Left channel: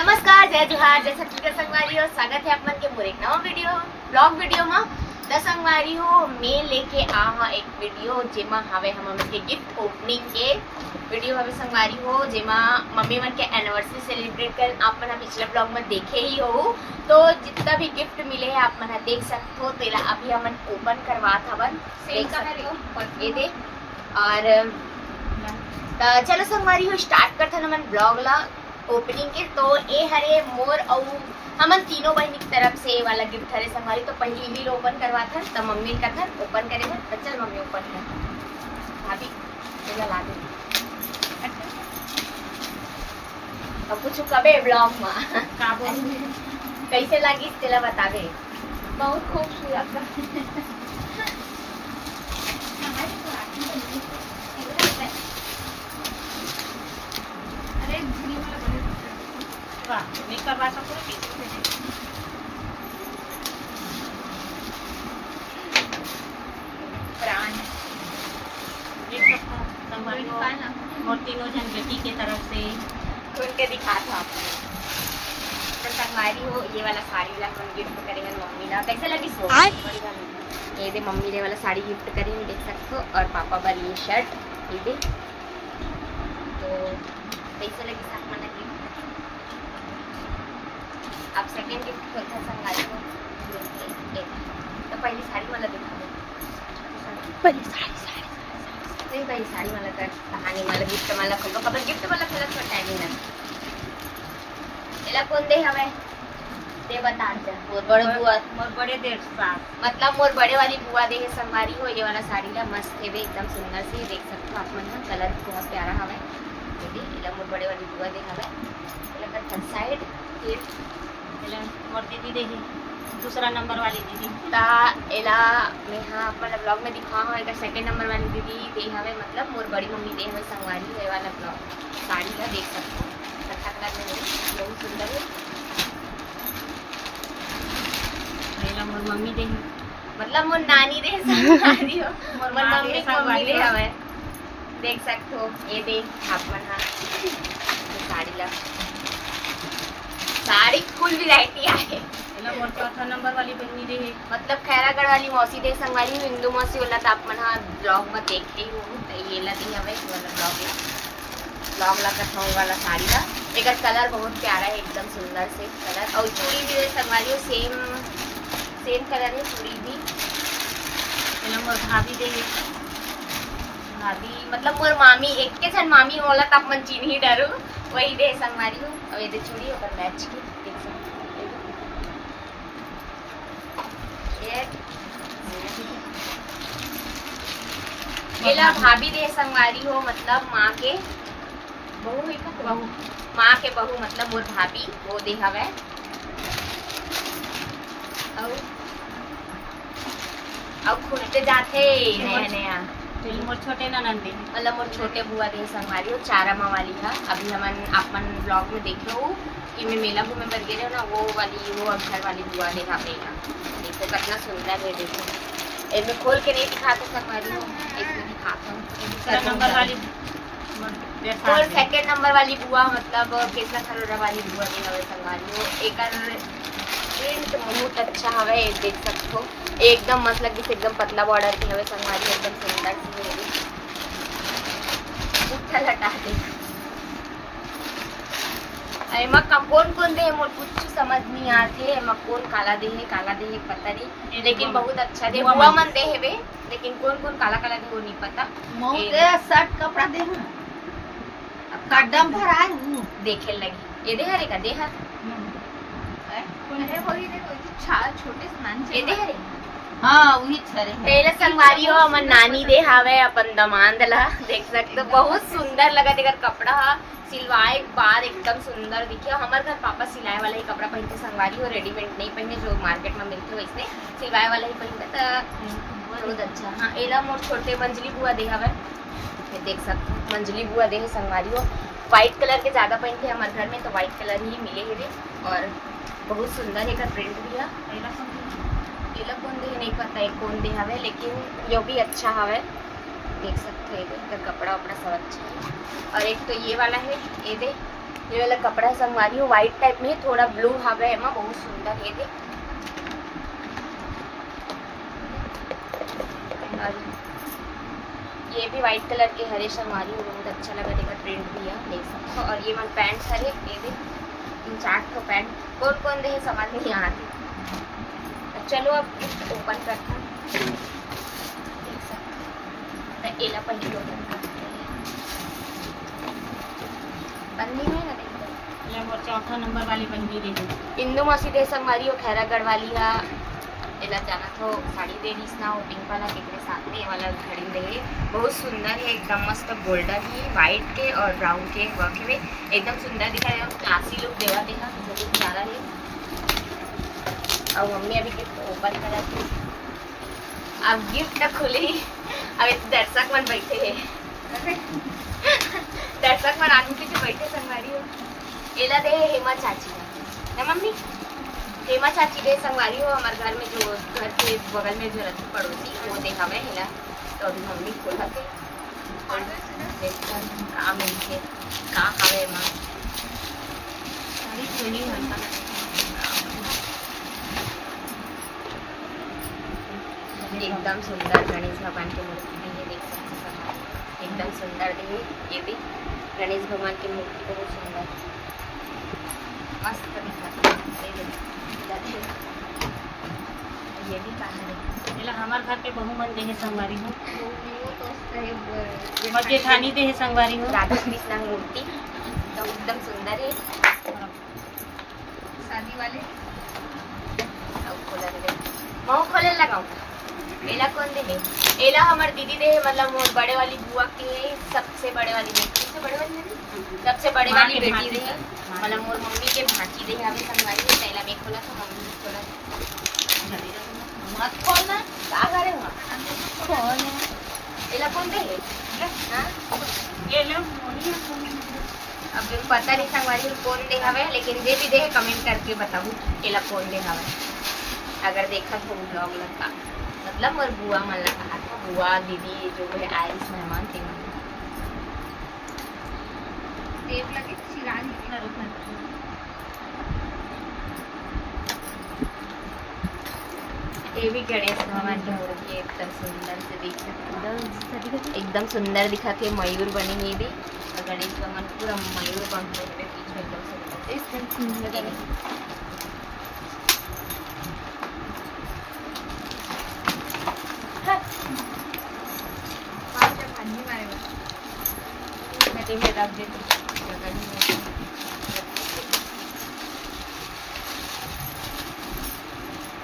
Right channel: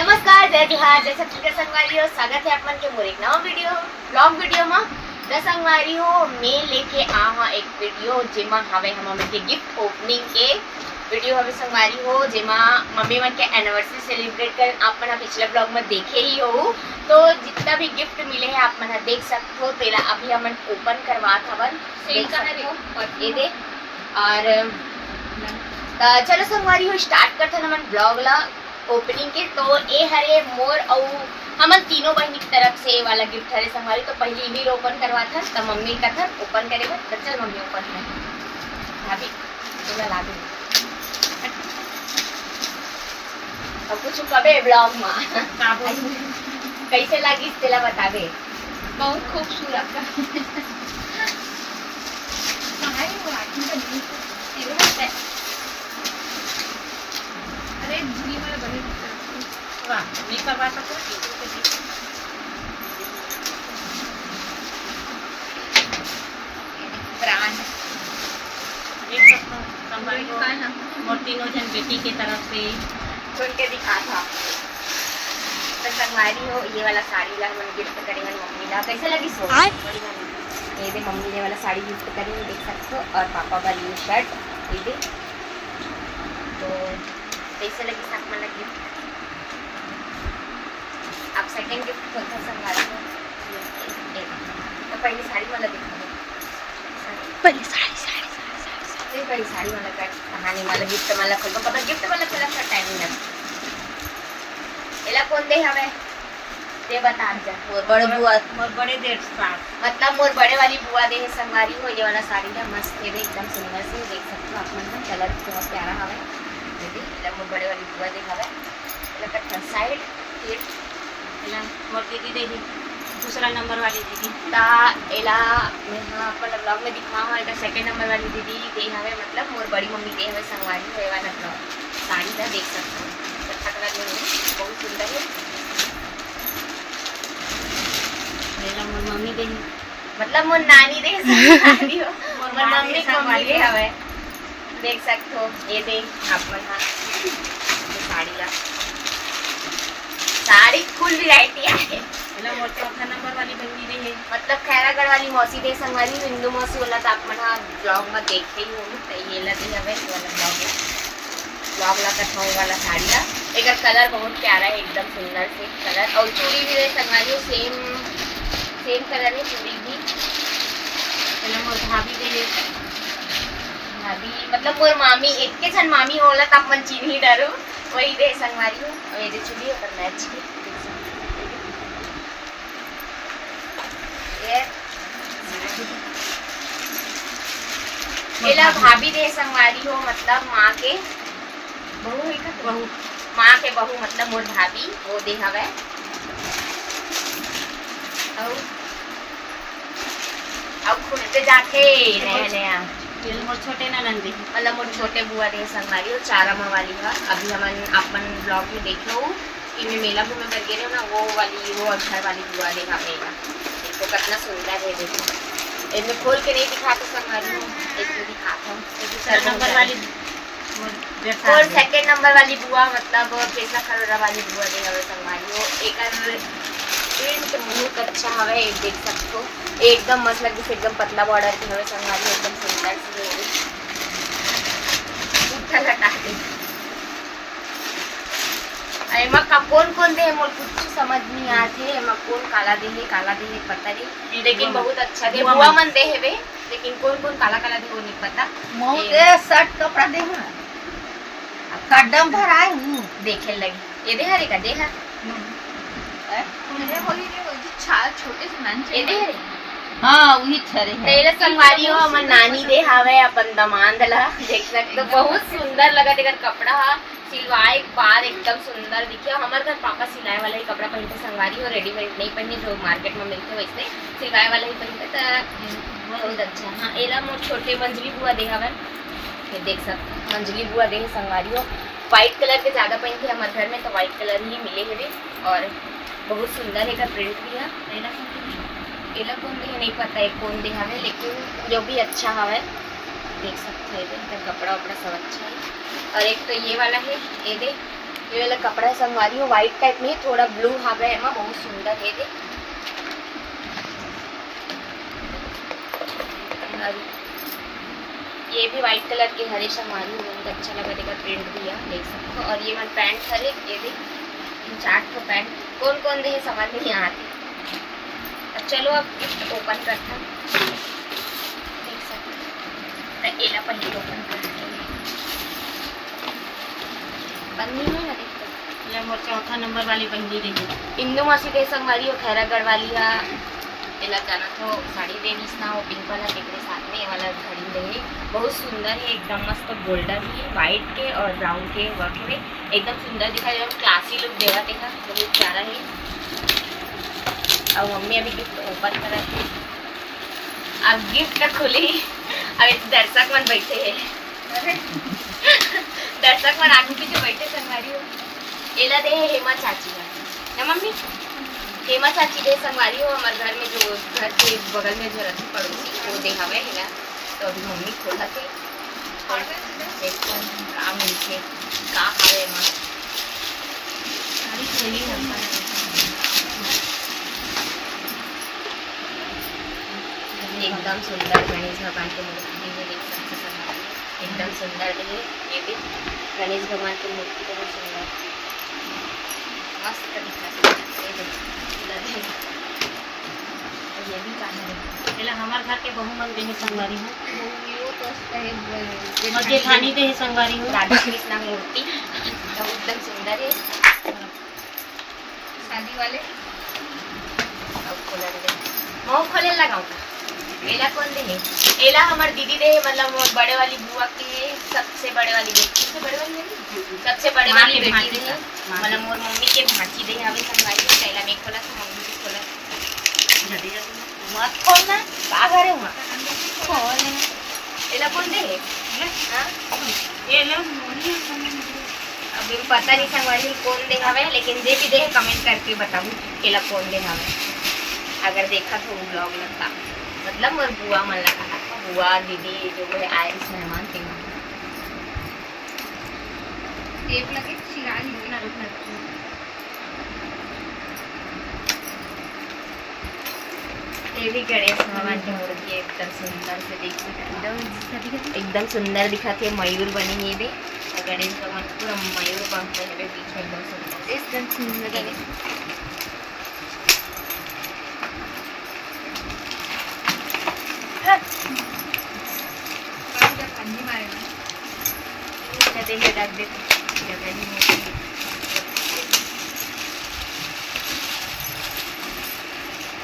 नमस्कार, जय जोहार, जय छत्तीसगढ़ संगवारी हो। स्वागत है अपन के मोर एक नवा वीडियो ब्लॉग वीडियो में। द संगवारी हो मैं लेके आहा एक वीडियो जेमा हवे हम के गिफ्ट ओपनिंग के वीडियो हवे संगवारी हो, जेमा मम्मी मन के एनिवर्सरी सेलिब्रेट कर आप मन पिछले ब्लॉग में देखे ही हो। तो जितना भी गिफ्ट मिले है आप मन देख सकते हो। तेला अभी हम ओपन करवात हवन, देख सकते हो ये दे। और चलो संगवारी हो स्टार्ट करते हमन ब्लॉग ला ओपनिंग के। तो ये हरे मोर और हमन तीनों बहनी की तरफ से वाला गिफ्ट हरे संभाली। तो पहले भी ओपन करवा था तो मम्मी का था ओपन करेगा। तो चल मम्मी ओपन कर भाभी तुला ला दे अब कुछ कबे ब्लॉग में कैसे लगी तेला बता दे। बहुत खूबसूरत तीनों जन बेटी के तरफ से खोल के दिखा था। तो संगवारी हो ये वाला साड़ी ला हम गिफ्ट करेंगे मम्मी ला। कैसे लगी सो ये दे मम्मी ने वाला साड़ी गिफ्ट करी देख सकते हो। और पापा वाली ये शर्ट ये दे। तो कैसे लगी साथ में लगी आप सेकंड गिफ्ट खोल था संगवारी हो। तो पहली साड़ी वाला दिखा दो। पहली साड़ी वाला कर कहानी वाला गिफ्ट वाला खोल कब गिफ्ट वाला खोला था टाइम ना एला कौन दे हवे ते बता जा। मोर बड़े बुआ मोर बड़े देर साथ मतलब मोर बड़े वाली बुआ दे है संगवारी हो। ये वाला साड़ी ला मस्त है एकदम सुंदर से देख सकते हो आप मन। कलर बहुत प्यारा हवे दीदी। एला मोर बड़े वाली बुआ दे हवे। एला का साइड फिर एला मोर दीदी देही दूसरा नंबर वाली दीदी ता एला मैं हां अपन ब्लॉग में दिखा हूं। एका सेकंड नंबर वाली दीदी दे हवे मतलब मोर बड़ी मम्मी दे हवे संगवारी हो। ये वाला ब्लॉग साड़ी ला देख सकते हो अच्छा कलर में बहुत सुंदर है। एला मोर मम्मी देही मतलब मोर नानी दे संगवारी हो। मोर मम्मी मम्मी दे हवे देख सकते हो। ये दे अपन हां साड़ी ला साड़ी फुल वैरायटी है। एला मोर चौथा नंबर वाली बहनी देही मतलब खैरागढ़ वाली मौसी दे संगवारी हिंदू मौसी वाला तो आप मन ब्लॉग में देखे ही हो। तो ये ला दे हवे वाला ब्लॉग ला कथाऊ वाला साड़ी ला। एक कलर बहुत प्यारा है एकदम सुंदर से कलर। और चूड़ी भी दे संगवारी सेम कलर है चूड़ी भी। एला मोर भाभी देही भाभी मतलब मोर मामी एक के छन मामी होला तो अपन चिन्ह ही डरो वही दे संगवारी हो। और ये दे चूड़ी ऊपर मैच की एला भाभी दे संगवारी हो मतलब माँ के बहू है का बहू माँ के बहू मतलब मोर भाभी वो दे हवे। और खुलते जाते नया नया एला मोर छोटे ननद देही मतलब मोर छोटे बुआ दे संगवारी हो चारामा वाली है। अभी हमन अपन ब्लॉग में देखे हो कि मैं मेला घूमे बर गए ना वो अक्षर वाली बुआ दे हवे। देखो कितना सुंदर है। देखो इनमें खोल के नहीं दिखाते संगवारी हो इसमें दिखाता हूँ। दूसरा नंबर वाली और सेकंड नंबर वाली बुआ मतलब केसला खरोरा वाली बुआ दे हवे संगवारी हो। एक प्रिंट बहुत अच्छा हवे देख सकते हो एकदम मस्त लगे से एकदम पतला बॉर्डर के हवे संगवारी हो एकदम सुंदर से अच्छा लगा दे। एमा का कौन दे मोर कुछ समझ नहीं आते। एमा कौन काला दे है पता नहीं लेकिन बहुत अच्छा दे बुआ मन दे हेवे। लेकिन कौन काला दे वो नहीं पता। मोरे शर्ट कपड़ा दे ना कदम भराए हूं देखे लगी ये दे हरे का दे हर छोटे से नान ये दे हरे हां वही छरे है। तेला संगवारी हो हमन नानी दे हवे अपन दमांद ला देख सकते हो बहुत सुंदर लगा देकर कपड़ा सिलवाए बाद एकदम सुंदर दिखे। हमारे घर पापा सिलाए वाला ही कपड़ा पहनते संगवारी हो रेडीमेड नहीं पहने जो मार्केट में मिलते वैसे सिलवाए वाला ही पहनते तो बहुत अच्छा। हाँ एला मोर छोटे मंजली बुआ दे हवे देख सकते हो मंजली बुआ दे संगवारी हो। व्हाइट कलर के ज्यादा पहनते हमारे घर में तो व्हाइट कलर ही मिले हुए और बहुत सुंदर है का प्रिंट भी है। एला कौन दे नहीं पता है कौन दे हवे लेकिन जो भी अच्छा हवे देख सकते हैं। कपड़ा वपड़ा सब अच्छा है। और एक तो ये वाला है ये दे ये वाला कपड़ा संगवारी हो व्हाइट टाइप में थोड़ा ब्लू हावे है एमा बहुत सुंदर है दे। और ये भी व्हाइट कलर के हरे संगवारी हो बहुत अच्छा लगा देखा प्रिंट भी है देख सकते हो। और ये मन पैंट हरे ये दे इन 4 ठो पैंट कौन कौन दे समझ नहीं आती। अब चलो अब गिफ्ट ओपन करता देख सकते हो। एला पहले ओपन करते हैं बंद नहीं है ना देखते। ये मोर चौथा नंबर वाली पहली देखी इंदू मासी दे संगवारी हो खैरागढ़ वाली है एला जाना तो साड़ी देनी ना वो पिंक वाला केकरे साथ में ये वाला खड़ी रही बहुत सुंदर है एकदम मस्त गोल्डन है व्हाइट के और ब्राउन के वर्क में एकदम सुंदर दिखाई दे क्लासी लुक देवा देखा बहुत प्यारा है। और मम्मी अभी गिफ्ट ओपन करा थी अब गिफ्ट खुली अब दर्शक मन बैठे है दर्शक मन आगे पीछे बैठे संगवारी हो एला दे है हेमा चाची का ना मम्मी हेमा चाची दे संगवारी हो हमारे घर में जो घर के बगल में जो रहती पड़ोसी वो देखा मैं हिला तो अभी मम्मी खोला थे देखो का मिलके का खावे मां साड़ी खोली हमका एकदम सुंदर गणेश भगवान की मूर्ति है देख सकते हैं एकदम सुंदर है ये भी गणेश भगवान की मूर्ति बहुत सुंदर मस्त दिखा ये भी कहां है एला हमार घर के बहु मन देहे संगवारी हो ये और जेठानी देहे संगवारी हो राधा कृष्ण मूर्ति तो एकदम सुंदर है शादी वाले अब खोला दे मऊ खोले लगाऊं का एला कौन दे है एला हमार दीदी दे है मतलब मोर बड़े वाली बुआ के सबसे बड़े वाली बेटी सबसे बड़े वाली नहीं सबसे बड़े माँ वाली के बेटी भांजी दे है माँ मतलब मोर मम्मी के भांजी दे हवे संगवारी है कैला में खोला तो मम्मी भी खोला जल्दी जल्दी मत खोलना का करे हुआ एला कौन दे है हां ये ले अब पता नहीं संगवारी कौन दे हवे लेकिन जे भी दे कमेंट करके बताऊं एला कौन दे हवे अगर देखा तो ब्लॉग लगता मतलब मोर बुआ मन ला कहा था बुआ दीदी जो है आए इस मेहमान थे टेप लगे शिरानी रुकना रुकना ये भी गणेश भगवान की मूर्ति है एकदम सुंदर से देख सकते एकदम सुंदर दिखाते है मयूर बने ये भी और गणेश भगवान पूरा मयूर पंख है बीच में एकदम सुंदर एकदम सुंदर कहते हैं रख देते जगह ही नहीं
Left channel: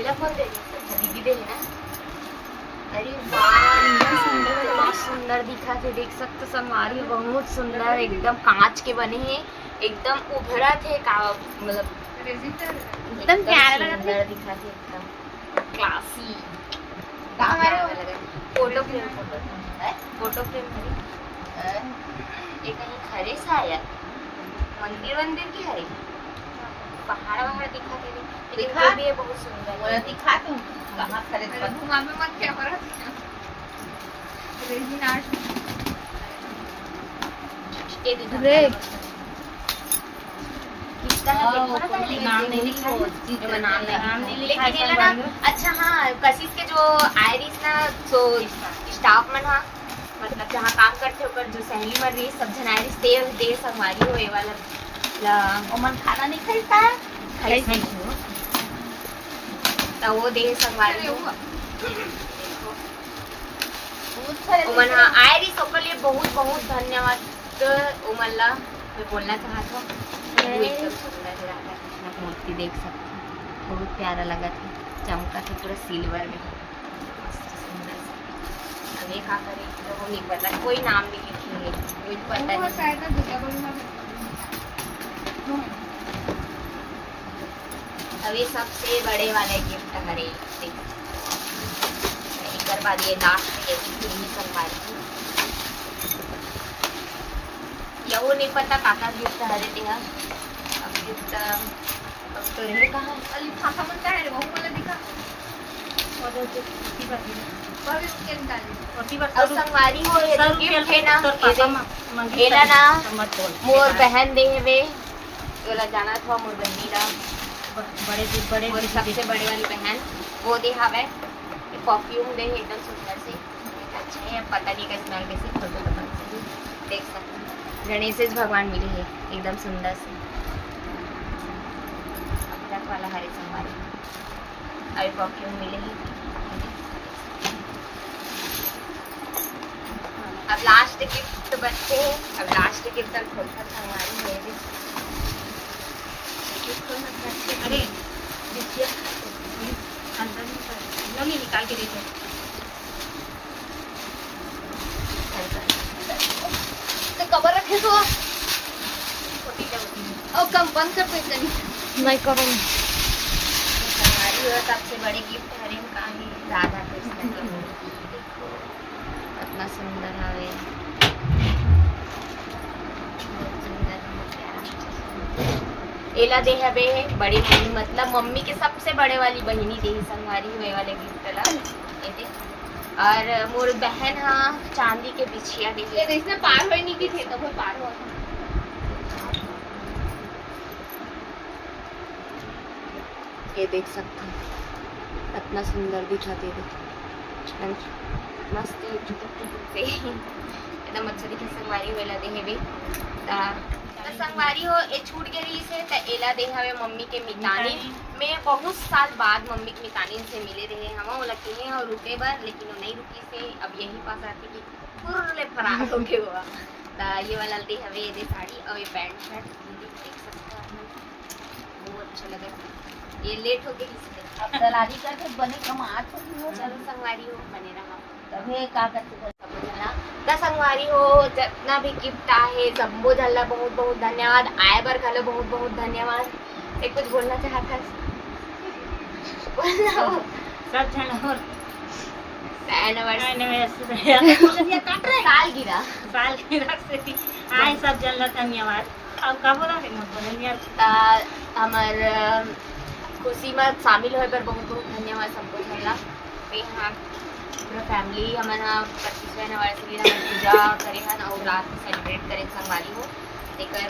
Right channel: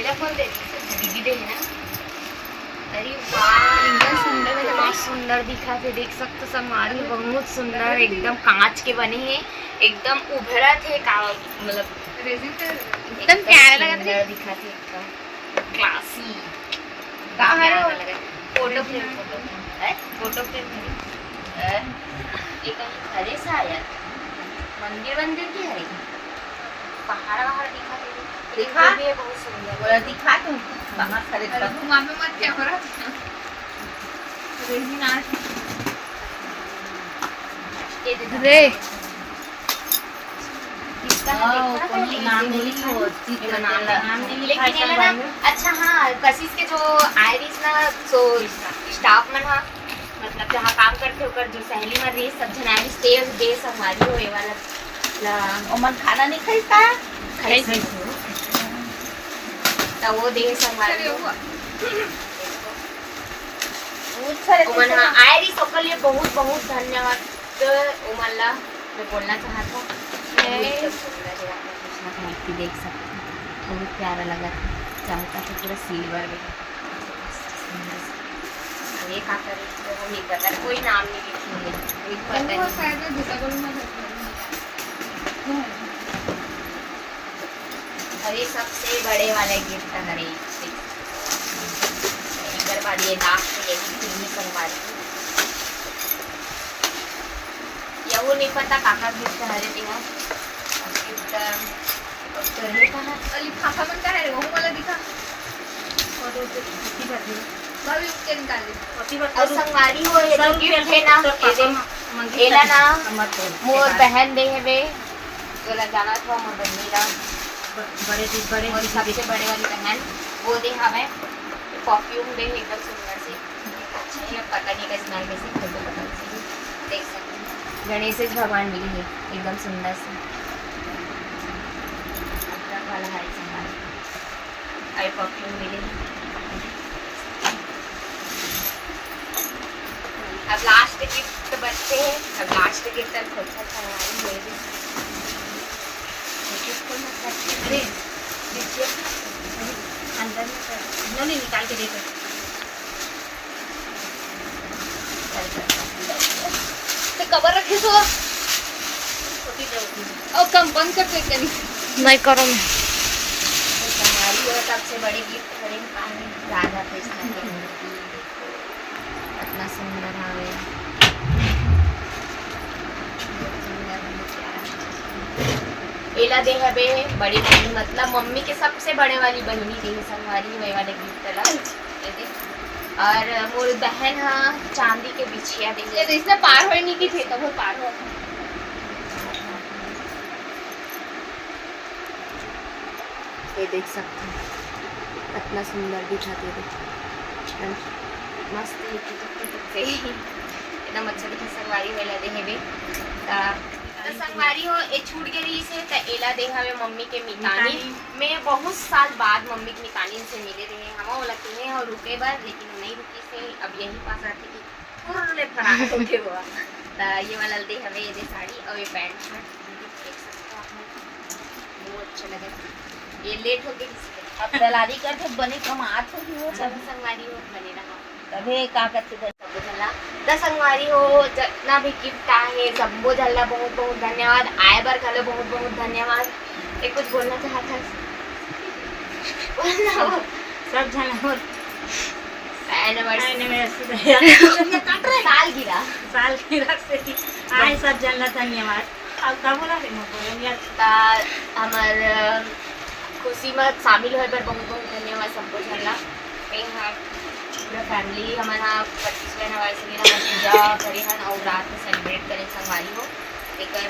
एला कौन दे दीदी दे है ना अरे वाह सुंदर दिखा थे देख सकते समारी बहुत सुंदर एकदम कांच के बने हैं एकदम उभरा थे का मतलब एकदम प्यारा सुंदर दिखा थे एकदम क्लासी है फोटो फ्रेम फोटो फ्रेम है ये कहीं हरे सा आया मंदिर की है पहाड़ वहाड़ दिखा दे दिखा? भी है बहुत सुंदर दिखा तुम कहाँ खरीद कर घुमा में मत क्या करो रेजिन आर्ट ये दे रे इसका देखो ना पहले नाम नहीं लिखा ये नाम नहीं लेकिन लिखा ये ना अच्छा हाँ कशिश के जो आयरिस ना सो स्टाफ मन हा मतलब जहाँ काम करते होकर जो सहेली मन रही सब जन आयरिस दे संगवारी हो ये वाला ला ओमन खाना नहीं खाइता खाई तो वो दे संगवारी हो ओमन हाँ आयरिस ओकर लिए बहुत बहुत धन्यवाद ओमन ला मैं बोलना चाहता हूँ एकदम सुंदर है राधा कृष्ण की मूर्ति देख सकते हैं बहुत प्यारा लगा था चमका था पूरा सिल्वर में सुंदर से अब ये खा करे तो हम नहीं पता कोई नाम नहीं लिखेंगे मुझे पता नहीं अब ये सबसे बड़े वाले गिफ्ट हरे एक बाद ये लास्ट ये संगवारी या वो नहीं पता काका गिफ्ट हरे दिया अब गिफ्ट तो ये कहा लिफाफा में क्या है वो वाला दिखा और तो किसी का भी कभी उसके निकाले ओती बात और संगवारी हो ये जो गिफ्ट है ना पापा एला ना मत बोल मोर बहन दे हेवे बोला जाना था मोर बहनी ला बड़े और सबसे बड़े वाली बहन वो दे हवे परफ्यूम दे एकदम सुंदर से अच्छा है। अब पता नहीं का स्मेल में से फोटो पता से देख सकते हैं। गणेश जी भगवान मिले हैं एकदम सुंदर से अदरक वाला हरे संभाल आई परफ्यूम मिले हैं। अब लास्ट गिफ्ट बचते हैं। अब लास्ट गिफ्ट तक खोलकर खरीदारी मेरे अरे देखिए अंदर में कर नहीं निकाल के देखो। तो कवर रखे तो और कंपन कर सकते नहीं करो हमारी और सबसे बड़े गिफ्ट हरे पानी राधा कृष्ण की मूर्ति देखो इतना सुंदर हवे एला दे हवे बड़ी बहनी मतलब मम्मी के सबसे बड़े वाली बहनी दे संगवारी वे वाले गिफ्ट ला ये दे। और मोर बहन हा चांदी के बिछिया दे ये इसने पार होए नहीं की थे तो वो पार हो ये देख सकते हैं इतना सुंदर दिखाते थे एकदम मस्त दिखते एकदम अच्छा दिखे संगवारी वेला दे हेबे तो संगवारी हो ए छूट गई से त एला दे हमें मम्मी के मितानी में बहुत साल बाद मम्मी के मितानी से मिले रहे हम वो लगते हैं और रुके बार लेकिन वो नहीं रुकी से अब यही पास आती कि पूरे फरार हो गए हुआ तो ये वाला दे हमें ये दे साड़ी और ये पैंट शर्ट देख सकते हो आप बहुत अच्छा लगा ये लेट हो गई इसलिए अब दलाली का तो बने कमात हो वो सब संगवारी हो बने रहा तबे का करते द संगवारी हो जितना भी गिफ्ट आहे सबो झल्ला बहुत बहुत धन्यवाद आए बार घलो बहुत बहुत धन्यवाद। एक कुछ बोलना चाहता है बोलना हो सब जन हो एनिवर्सरी साल गिरा साल की रख से आए सब जन ला धन्यवाद। अब का बोला रे बोले यार हमार खुशी में शामिल होए पर बहुत बहुत धन्यवाद सबको झल्ला यहाँ पूरा फैमिली हमारा 25वीं एनिवर्सरी हमारे पूजा करे हन और रात में सेलिब्रेट करे संगवारी हो लेकर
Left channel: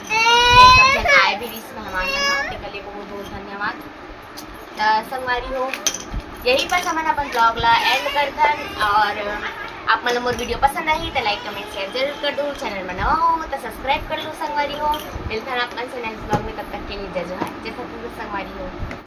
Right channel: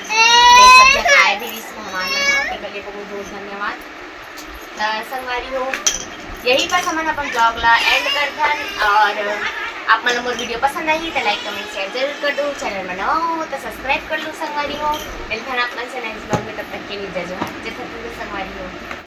सब जन आए भी इस मेहमान बना के लिए बहुत बहुत धन्यवाद। संगवारी हो यही बस हमारा अपन ब्लॉग ला एंड करथन और आप मन मोर वीडियो पसंद आई तो लाइक कमेंट शेयर जरूर कर दो चैनल में नवा हो तो सब्सक्राइब कर लो संगवारी हो मिलता है अपन से नेक्स्ट ब्लॉग में तब तक के लिए जय जवाहर जय सतगुरु संगवारी हो।